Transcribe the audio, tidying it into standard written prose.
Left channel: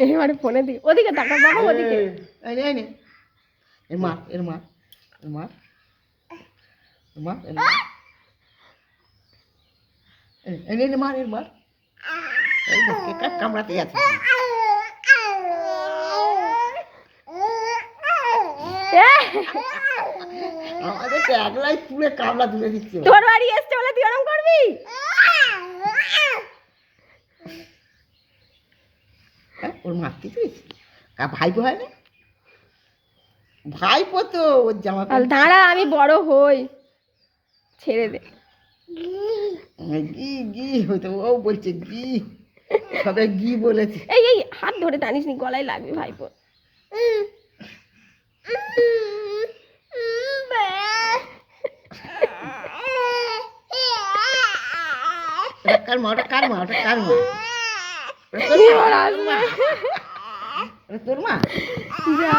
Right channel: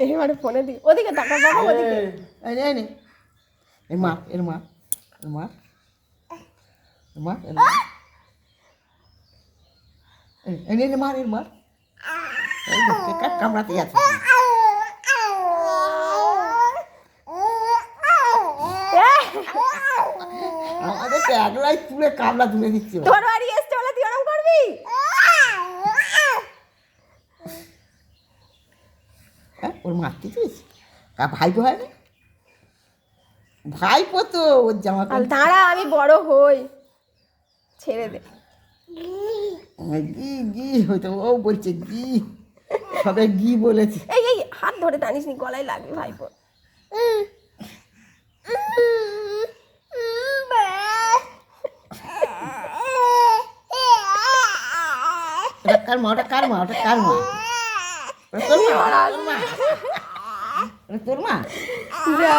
এবারে ফোনে দিই ওদিকে টাকা বাবা ওদিকে এই নে এর মা এর মা এর মা এর মা এর মা এই নে মার এর মার এই দেখে কামড়াতে আছে আমাদের তো একলাই তুলে কামড়া তুলে দিচ্ছে তোর বাড়ি এসছে বলে তুই ওরম করবি ওর মারতে চাইছি ভাইপো হয় না ভাইপো তো ওর জামা দাঁড়া আমি বড় হই ছেড়ে দে ঘি ঘি হয়তো ও বলছে ঘি সবাই ঘি বলেছে এই এই হাত ধরে টানিস নি গলায় লাগবে ভাইপো ওটা কার মা ওটা কার মা ওটা কার মা তোর মা যা